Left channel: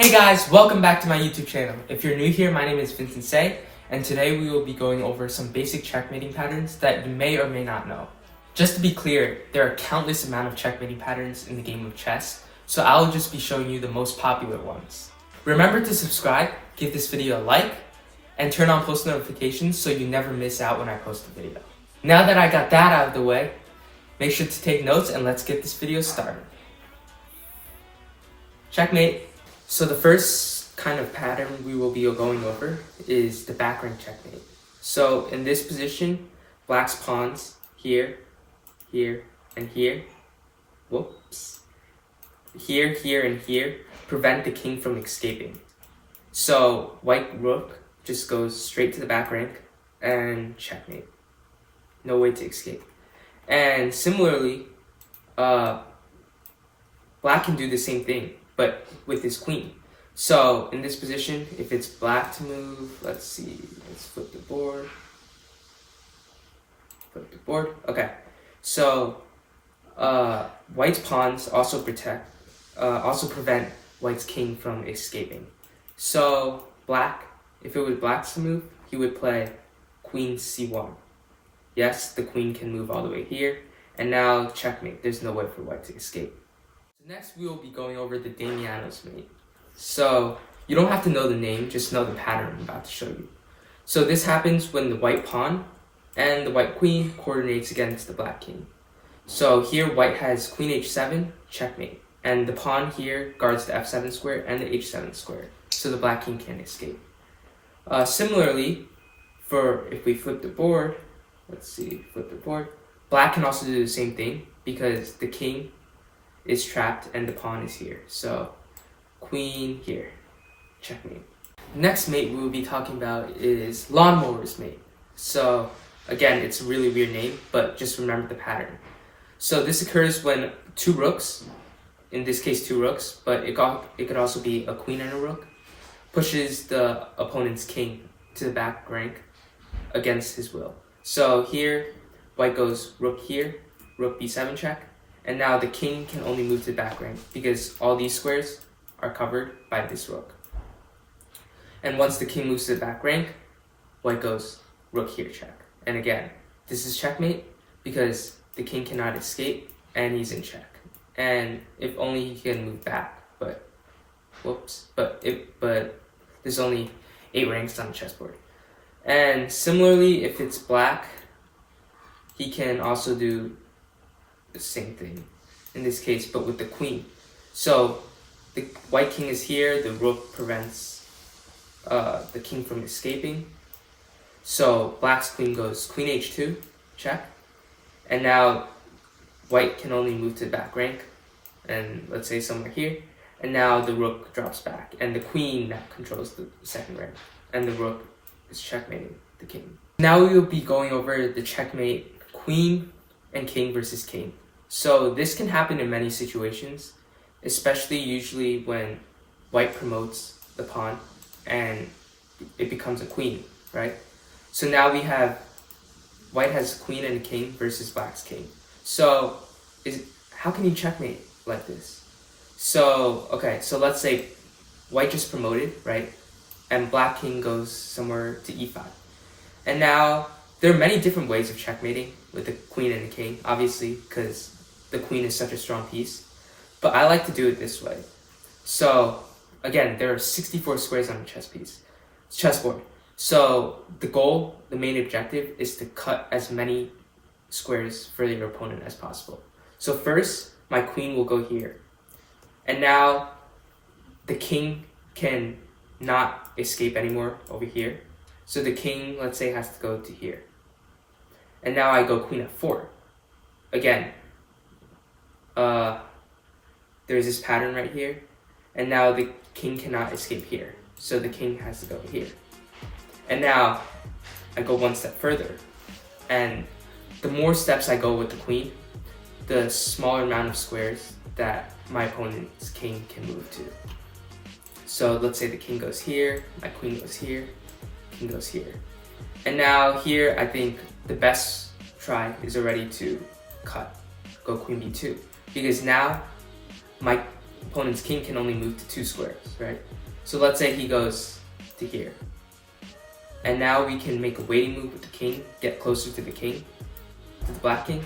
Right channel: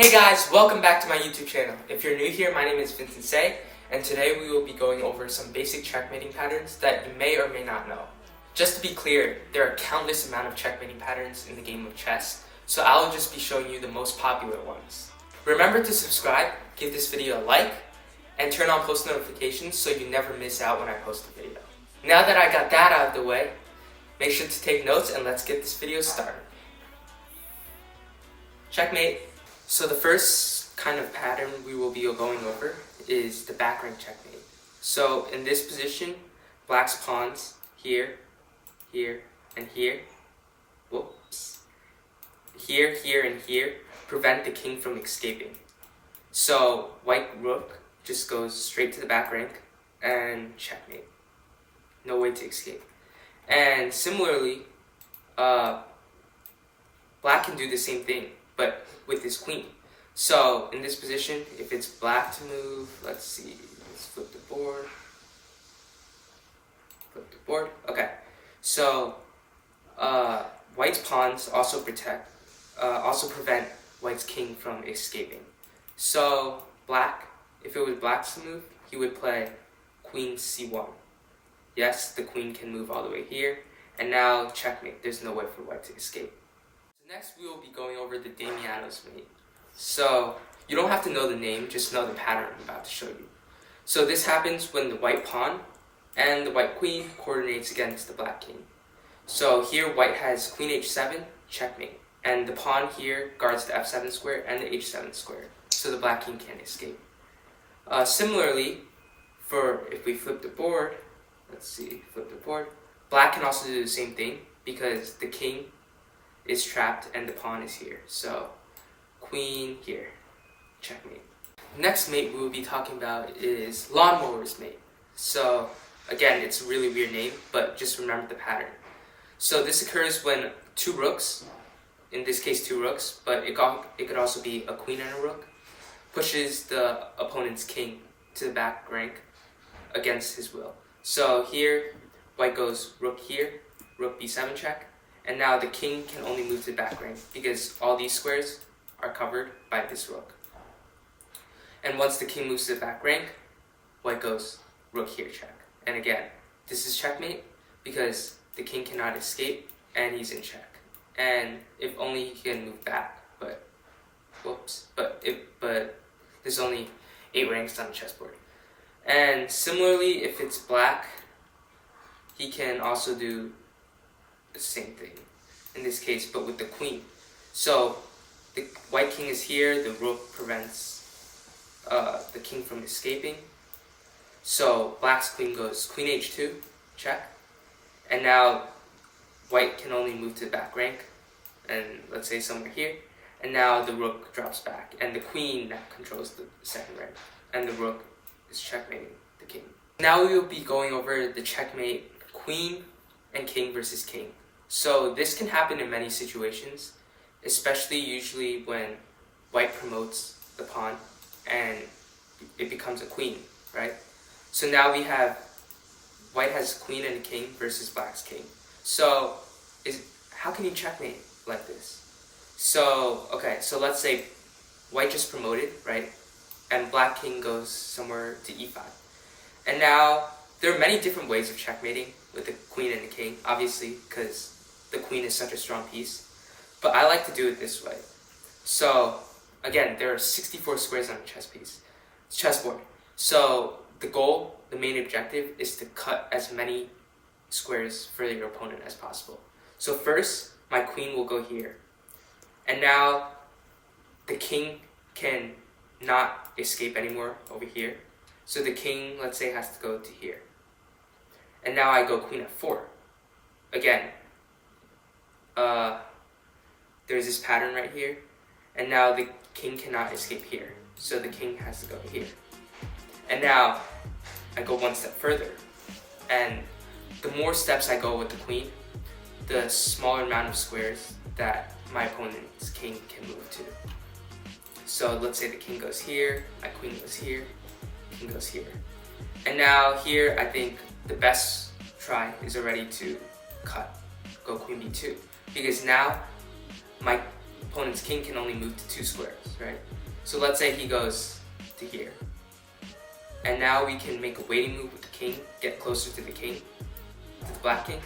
Hey guys, welcome back to my YouTube channel. If you're new here, my name is Vincent Say, and today we will be going over some basic checkmating patterns that you may or may not know. Just to be clear, there are countless amount of checkmating patterns in the game of chess, so I'll just be showing you the most popular ones. Remember to subscribe, give this video a like, and turn on post notifications so you never miss out when I post a video. Now that I got that out of the way, make sure to take notes and let's get this video started. Checkmate. So the first kind of pattern we will be going over is the back rank checkmate. So in this position, black's pawns here, here, and here, here, and here, prevent the king from escaping. So white rook just goes straight to the back rank and checkmate. No way to escape. And similarly, black can do the same thing, but with his queen. So in this position, if it's black to move, let's see, let's flip the board. Okay, so white's pawns also prevent white's king from escaping. So black, if it was black's to move, he would play queen c1. Yes, the queen can move all the way here, and now checkmate. There's no way for white to escape. Next, we will be going over the Damiano's mate. So you don't have to know the name, just know the pattern I'm about to show you. So this happens when the white pawn and the white queen coordinates against the black king. So here white has queen h7, checkmate, and the pawn here guards the f7 square and the h7 square, so the black king can't escape. Similarly, if we flip the board, black can also do the same thing because the king is trapped and the pawn is here. So queen here, checkmate. Next mate we will be talking about is lawnmower's mate. So again, it's a really weird name, but just remember the pattern. So this occurs when two rooks, in this case two rooks, but it could also be a queen and a rook, pushes the opponent's king to the back rank against his will. So here, white goes rook here, rook b7 check, and now the king can only move to the back rank because all these squares are covered by this rook. And once the king moves to the back rank, white goes rook here check. And again, this is checkmate because the king cannot escape and he's in check. And if only he can move back, but there's only 8 ranks on the chessboard. And similarly, if it's black, he can also do the same thing in this case, but with the queen. So the white king is here, the rook prevents the king from escaping. So black's queen goes queen h2, check. And now white can only move to the back rank, and let's say somewhere here. And now the rook drops back, and the queen now controls the second rank, and the rook is checkmating the king. Now we will be going over the checkmate queen and king versus king. So this can happen in many situations, especially usually when white promotes the pawn and it becomes a queen, right? So now we have white has queen and a king versus black's king. So how can you checkmate like this? So let's say white just promoted, right? And black king goes somewhere to e5. And now there are many different ways of checkmating with the queen and the king, obviously, because the queen is such a strong piece. But I like to do it this way. So again, there are 64 squares on a chessboard. So the main objective is to cut as many squares for your opponent as possible. So first, my queen will go here. And now the king can not escape anymore over here. So the king, let's say, has to go to here. And now I go queen f4. Again, there's this pattern right here. And now the king cannot escape here. So the king has to go here. And now I go one step further. And the more steps I go with the queen, the smaller amount of squares that my opponent's king can move to. So let's say the king goes here, my queen goes here, king goes here. And now here, I think the best try is already to cut, go queen b2. Because now my opponent's king can only move to 2 squares, right? So let's say he goes to here. And now we can make a waiting move with the king, get closer to the king, to the black king.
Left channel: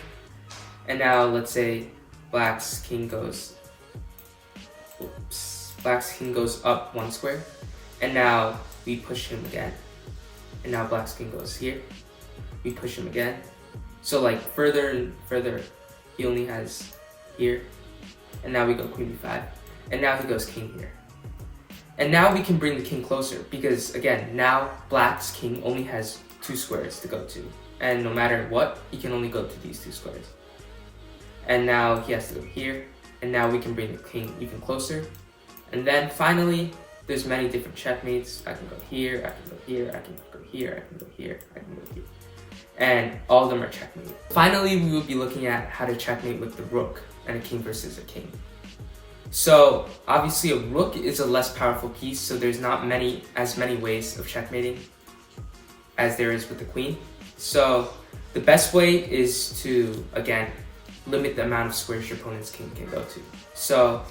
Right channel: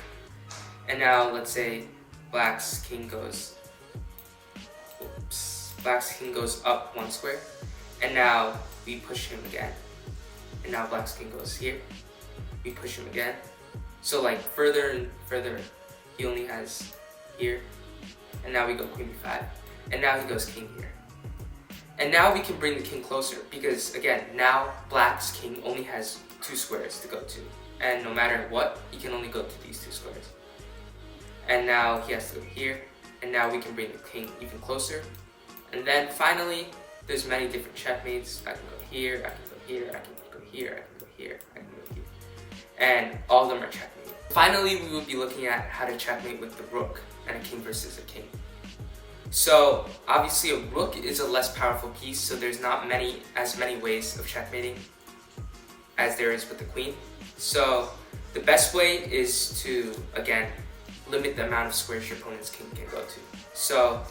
And now let's say black's king goes up 1 square. And now we push him again. And now black's king goes here. We push him again. So like further and further, he only has here. And now we go queen b5. And now he goes king here. And now we can bring the king closer because again, now black's king only has 2 squares to go to. And no matter what, he can only go to these 2 squares. And now he has to go here. And now we can bring the king even closer. And then finally, there's many different checkmates. I can go here, I can go here, I can go here, I can go here, I can go here. And all of them are checkmate. Finally, we would be looking at how to checkmate with the rook and a king versus a king. So obviously a rook is a less powerful piece, so there's not as many ways of checkmating as there is with the queen. So the best way is to, again, limit the amount of squares your opponent's king can go to. So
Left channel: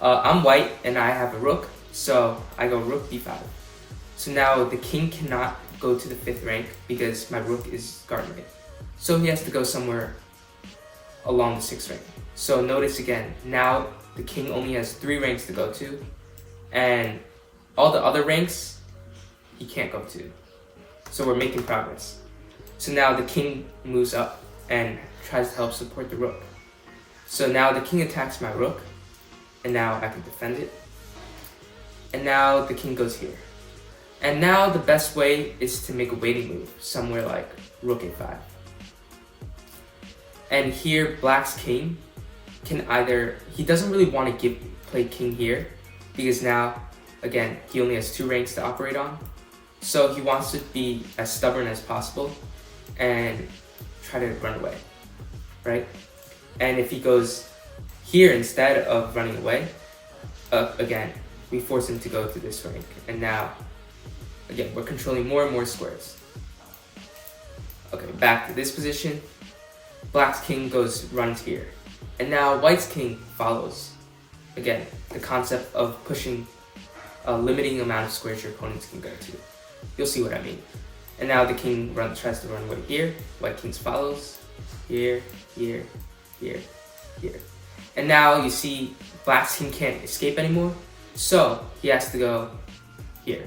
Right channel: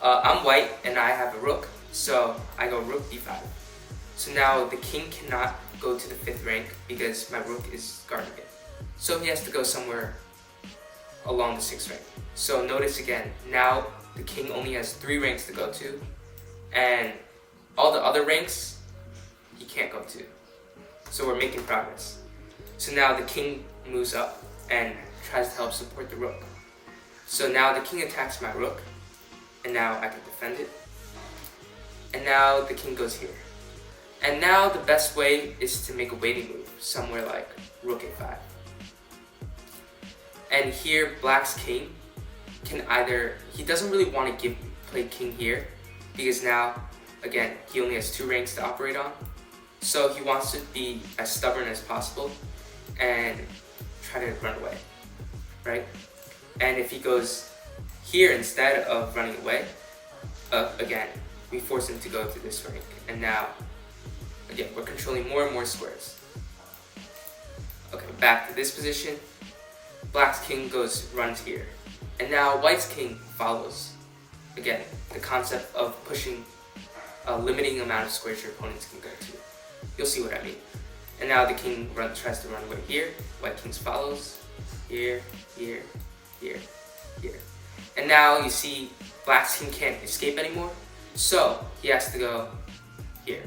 I'm white and I have a rook, so I go rook b5. So now the king cannot go to the 5th rank because my rook is guarding it. So he has to go somewhere along the 6th rank. So notice again, now the king only has 3 ranks to go to, and all the other ranks he can't go to. So we're making progress. So now the king moves up and tries to help support the rook. So now the king attacks my rook, and now I can defend it. And now the king goes here. And now the best way is to make a waiting move, somewhere like rook a5. And here black's king can either, he doesn't really want to play king here, because now, again, he only has 2 ranks to operate on. So he wants to be as stubborn as possible and try to run away, right? And if he goes here instead of running away, again, we force him to go to this rank. And now, again, we're controlling more and more squares. Okay, back to this position. Black's king runs here. And now white's king follows. Again, the concept of pushing a limiting amount of squares your opponents can go to. You'll see what I mean. And now the king tries to run away here. White king follows. Here, here, here, here. And now you see black's king can't escape anymore. So he has to go here.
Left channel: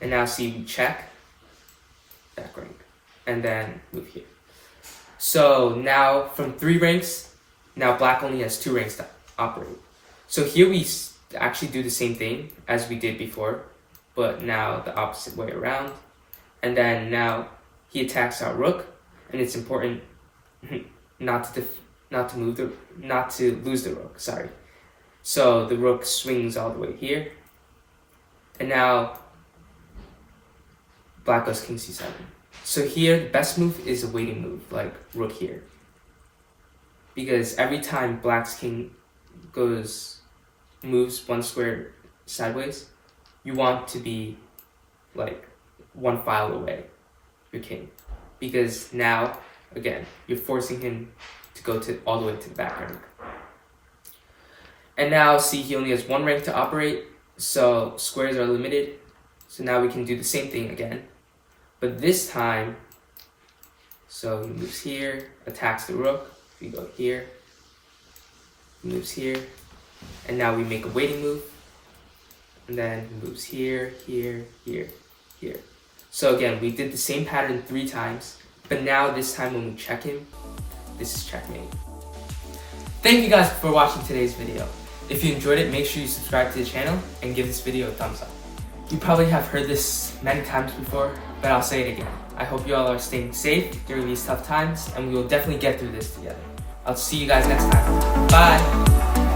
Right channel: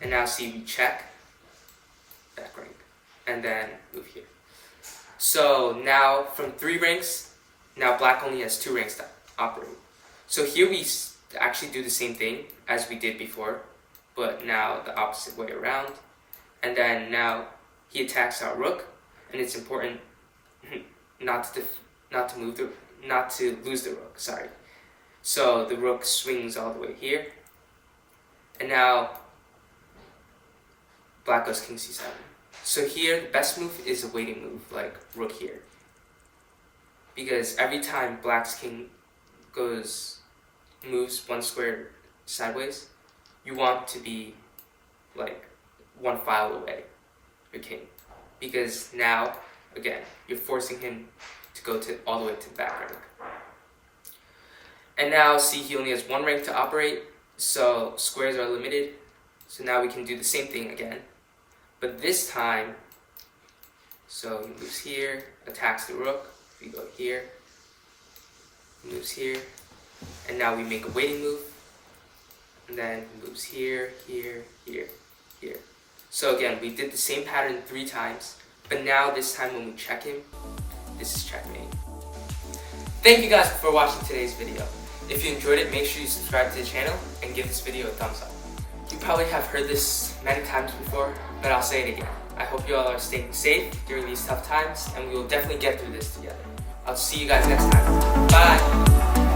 And now see, we check, back rank, and then move here. So now from 3 ranks, now black only has 2 ranks to operate. So here we actually do the same thing as we did before, but now the opposite way around. And then now he attacks our rook, and it's important not to lose the rook. Sorry. So the rook swings all the way here, and now black goes king c7. So here, the best move is a waiting move, like rook here. Because every time black's king moves 1 square sideways, you want to be like 1 file away, your king. Because now, again, you're forcing him to go all the way to the back rank. And now, see, he only has 1 rank to operate, so squares are limited. So now we can do the same thing again. But this time, so he moves here, attacks the rook. We go here, he moves here, and now we make a waiting move. And then he moves here, here, here, here. So again, we did the same pattern 3 times, but now this time when we check him, this is checkmate. Thank you guys for watching today's video. If you enjoyed it, make sure you subscribe to the channel and give this video a thumbs up. You probably have heard this many times before, but I'll say it again. I hope you all are staying safe during these tough times, and we will definitely get through this together. I'll see you guys next time. Bye!